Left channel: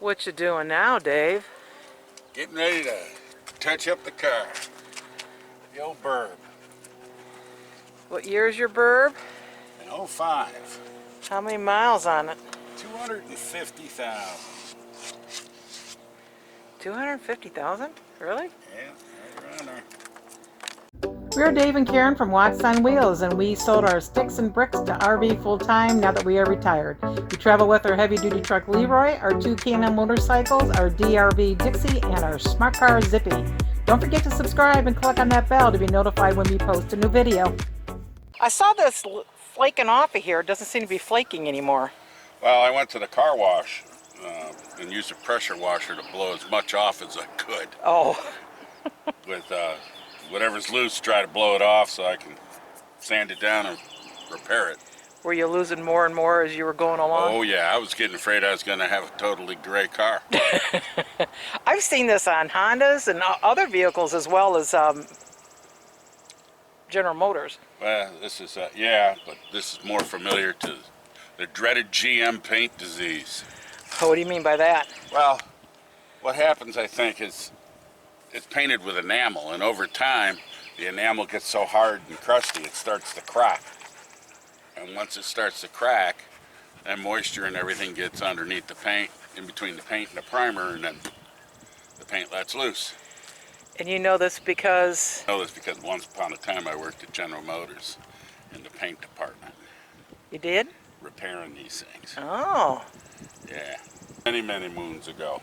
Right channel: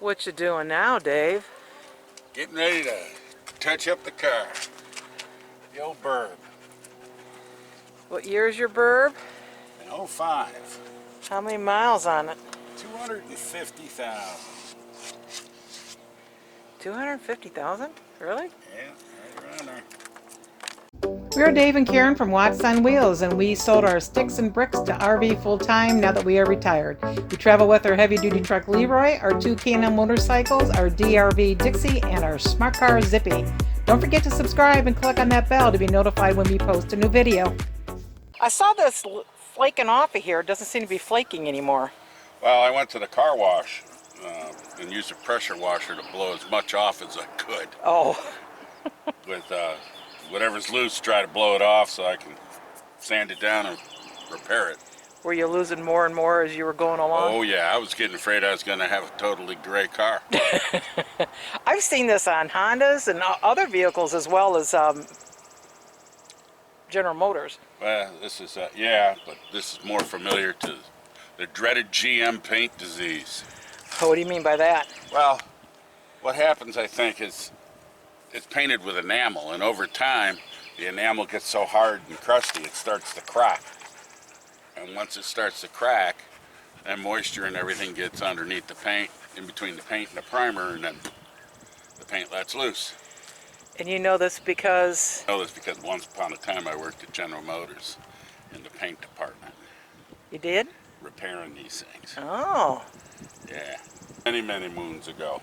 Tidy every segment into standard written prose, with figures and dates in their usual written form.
What you doing now, Dave? Getting ready to touch up the car. The old 𝗶𝗬𝗀𝗧𝗬𝗀. What year is your 𝗶𝗬𝗀? An 05. How many miles on it? 250,000. 250,000? Really? Yeah, right around there. We're Dave and Karen from Watts on Wheels, and we sold our sticks and bricks to RV full-time now that we are retired. We travel with our heavy-duty truck Leroy, our two K&N motorcycles, our DRV Dixie, and our smart car Zippy. Don't forget to subscribe and click on that bell to be notified when we post a new video. I saw this flaking off of here. It doesn't seem to be flaking anymore. Well, I went to the car wash and used a pressure washer to blow as much off as I could. Oh. With whatever's loose, try to blow it off so I can sand it down and repair it. Were you losing more and more as you were going along? Oh yeah, I was getting afraid I was going to have a totally gray car. I've seen this on Hondas and other vehicles as well as General Motors. Well, this is, yeah, but this is more familiar to the dreaded GM paint disease. What do you mean by that? Well, what happens, I think, is it's painted with enamel, and over time, the enamel gets so hard and crusty, it starts to crack. And once it starts to crack, then moisture and everything gets underneath the paint, in between the paint and the primer, and then the paint lets loose. And you know this because? I know this because once upon a time I worked at General Motors in the paint department. You did? Repairing these things. Oh. Yeah, many, many moons ago.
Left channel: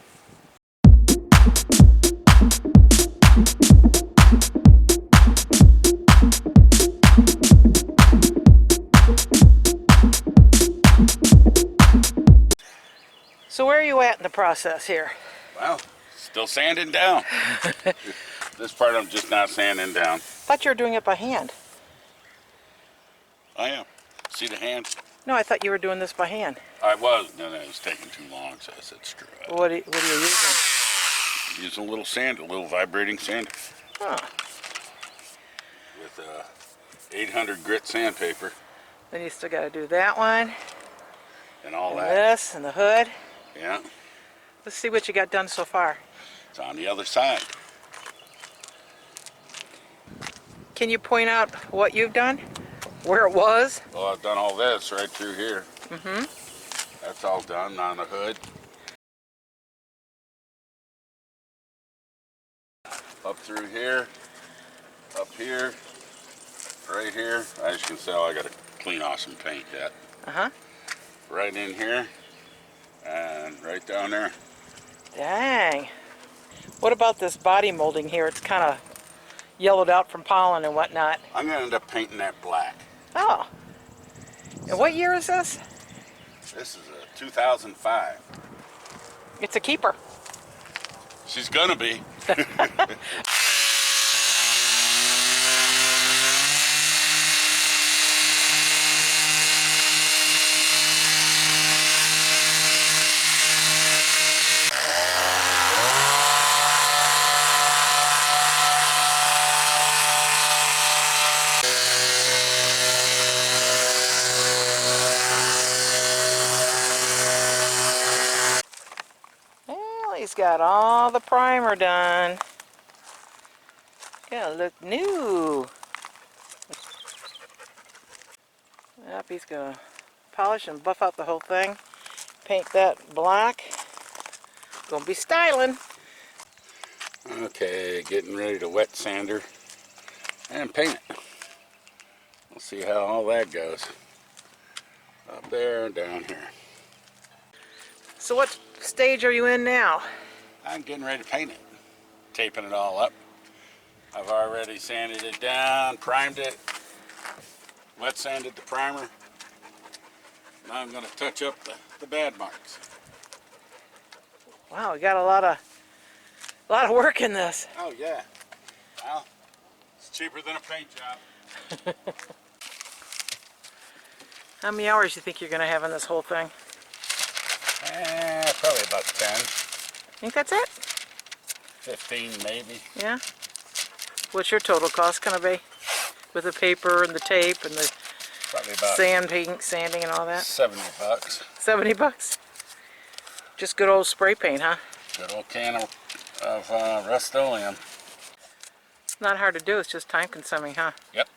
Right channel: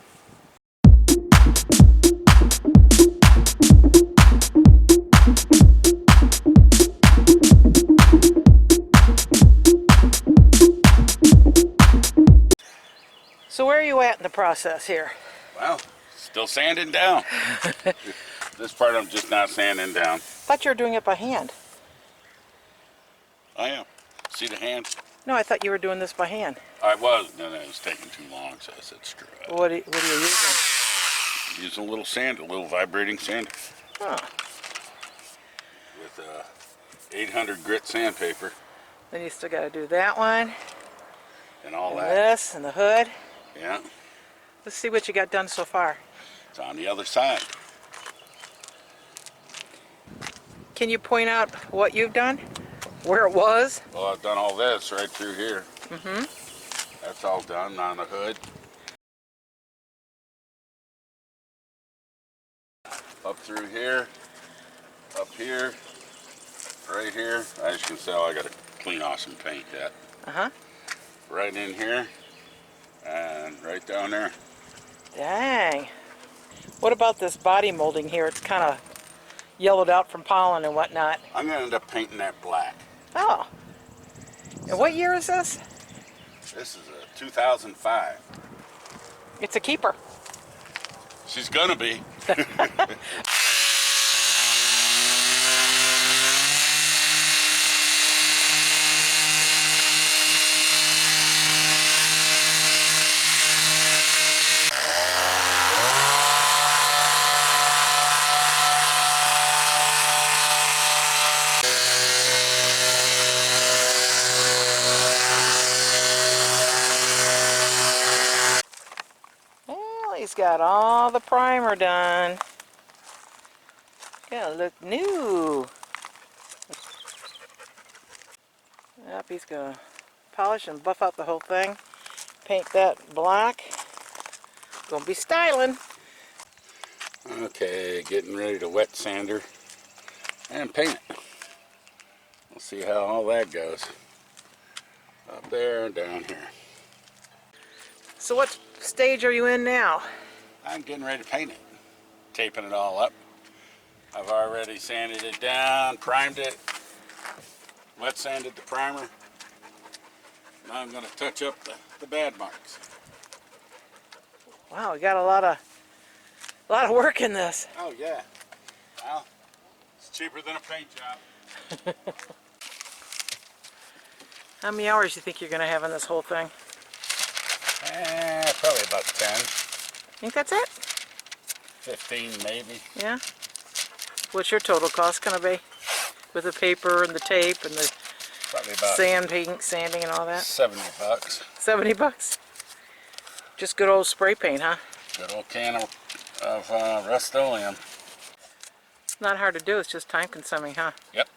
So where are you at in the process here? Well, still sanding down. This part I'm just not sanding down. I thought you were doing it by hand. I am. See the hand? No, I thought you were doing this by hand. I was, and it was taking too long, so I said screw it. What are you using? Using a little sander, a little vibrating sander. Huh. With 800 grit sandpaper. Then you still got to do that one. And all and that. This and the hood. Yeah. Let's see what you got done so far. It's on the other side. Can you point out what you've done? Where it was? Well, I've done all this right through here. Mm-hmm. That's all done on the hood. Up through here. Up here. Right here. As you can tell, I got to clean off some paint yet. Uh-huh. Right in here. And right down there. Dang. What about this body molding here? It's kind of yellowed out from pollen and whatnot. I'm going to end up painting that black. Oh. And what year is this? This is a 2005. It's a keeper. She's going to be. He's got all the primer done. Gotta look new. Yep, he's gonna polish and buff out the whole thing. Paint that black. Gonna be styling. Okay, getting ready to wet sander and paint it. We'll see how all that goes. Up there and down here. So what stage are you in now? I'm getting ready to paint it. Taping it all up. I've already sanded it down, primed it, wet sanded the primer. Now I'm going to touch up the bad marks. Wow, we got a lot of work in this. Oh yeah. Well, it's cheaper than a paint job. How many hours do you think you're gonna have in this whole thing? Probably about 10. Think that's it? 15 maybe. Yeah? What's your total cost gonna be? With the paper and the tape and the Probably about sanding and all that? 70 bucks. 70 bucks? Just good old spray paint, huh? Good old can of Rustoleum. It's not hard to do, it's just time consuming, huh? Yep.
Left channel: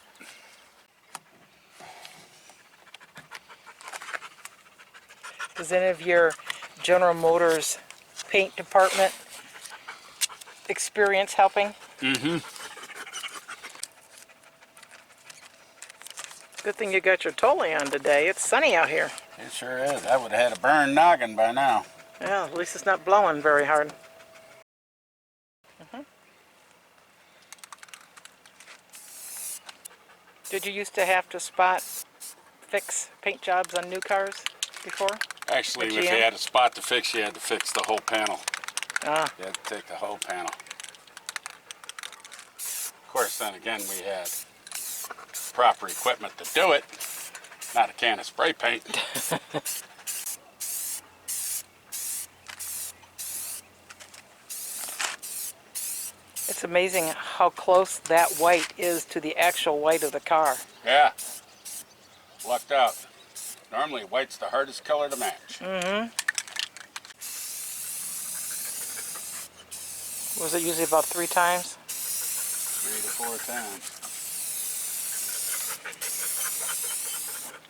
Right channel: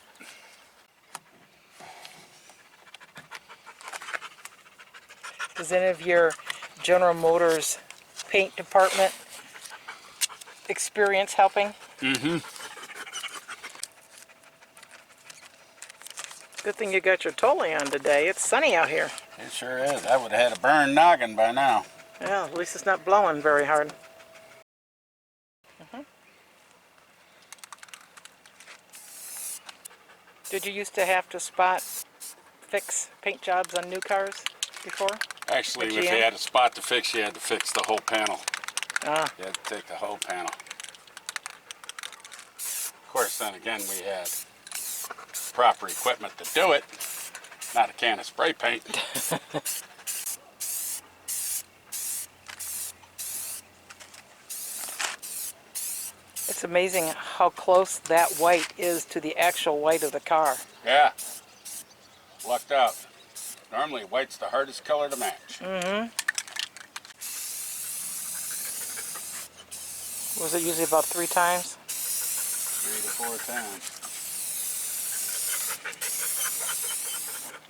Does any of your General Motors paint department experience helping? Mm-hmm. Good thing you got your Tolly on today. It's sunny out here. It sure is. I would have had a burned noggin by now. Yeah, at least it's not blowing very hard. Did you used to have to fix paint jobs on new cars before? Actually, With if you GM? had a spot to fix, you had to fix the whole panel. Ah, You had to take the whole panel. Of course, then again, we had proper equipment to do it, not a can of spray paint. it's amazing how close that white is to the actual white of the car. Yeah, lucked out. Normally, white's the hardest color to match. Mm-hmm. Was it usually about 3 times? 3 to 4 times.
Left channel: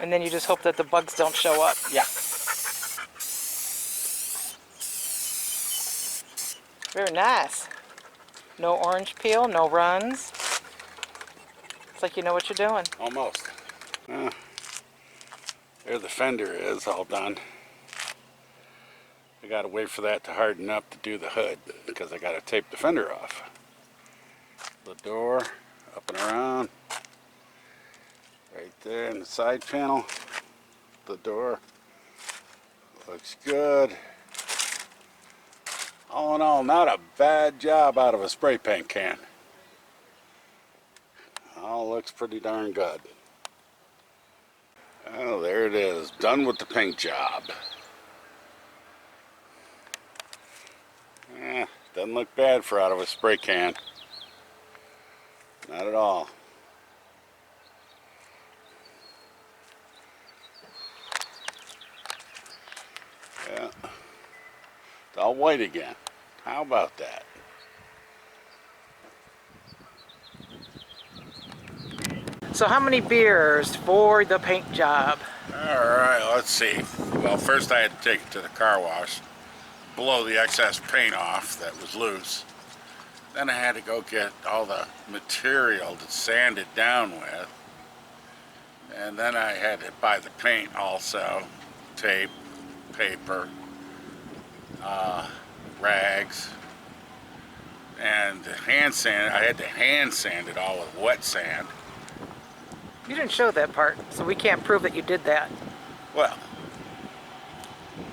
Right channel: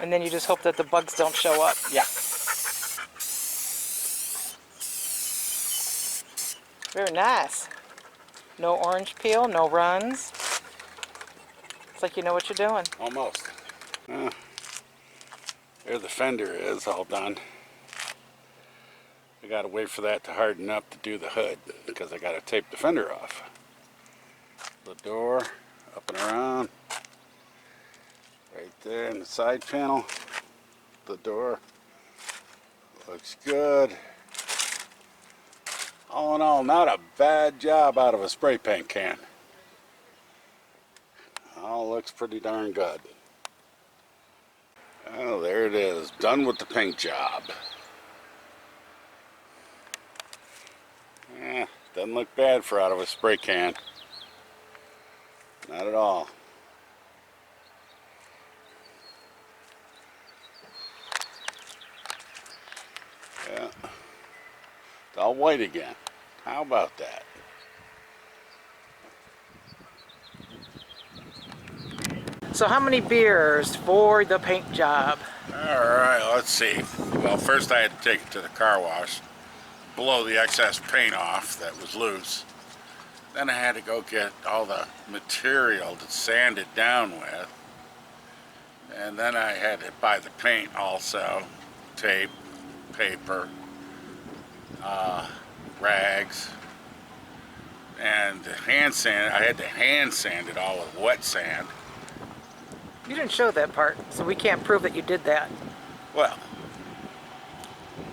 And then you just hope that the bugs don't show up. Yeah. Very nice. No orange peel, no runs. It's like you know what you're doing. Almost. There the fender is all done. I gotta wait for that to harden up to do the hood because I gotta tape the fender off. The door, up and around. Right there in the side panel. The door. Looks good. All in all, not a bad job out of a spray paint can. All looks pretty darn good. Oh, there it is. Done with the paint job. Doesn't look bad for out of a spray can. Not at all. Yeah. It's all white again. How about that? So how many beers for the paint job? Alright, let's see. Well, first I had to take it to the car wash, blow the excess paint off that was loose. Then I had to go get all the material to sand it down with. And then I had to buy the paint also, tape, paper, rags, and hand sand. I had to hand sand it all with wet sand. You didn't show that part, so we can't prove that you did that. Well,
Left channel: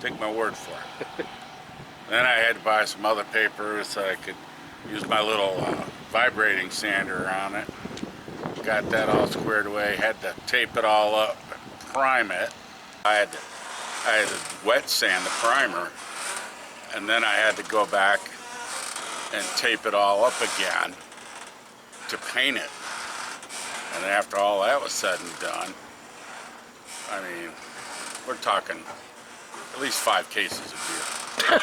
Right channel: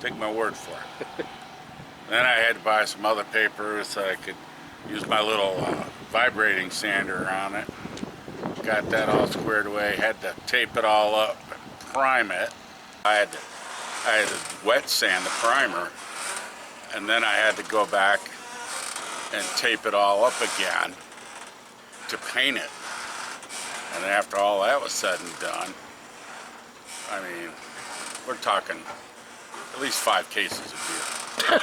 take my word for it. Then I had to buy some other paper so I could use my little vibrating sander on it. Got that all squared away. Had to tape it all up and prime it. I had to wet sand the primer, and then I had to go back and tape it all up again to paint it. And after all that was said and done, I mean, we're talking at least 5 cases of beer.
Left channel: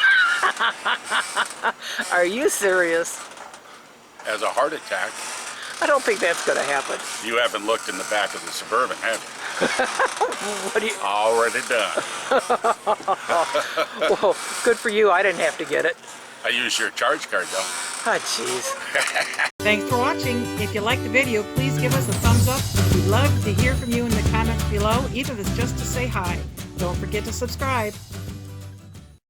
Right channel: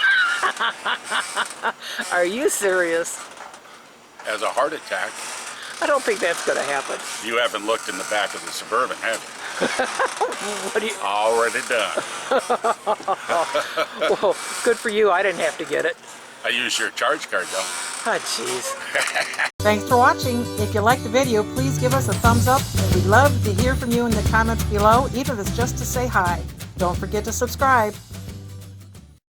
Are you serious? As a heart attack. I don't think that's going to happen. You haven't looked in the back of the Suburban, have you? What do you... Already done. Whoa, good for you. I didn't have to get it. I use your charge card though. Oh, jeez. Thanks for watching. If you liked the video, please give us a thumbs up. We'd love to hear from you in the comments below, even if it's just to say hi. Don't forget to subscribe.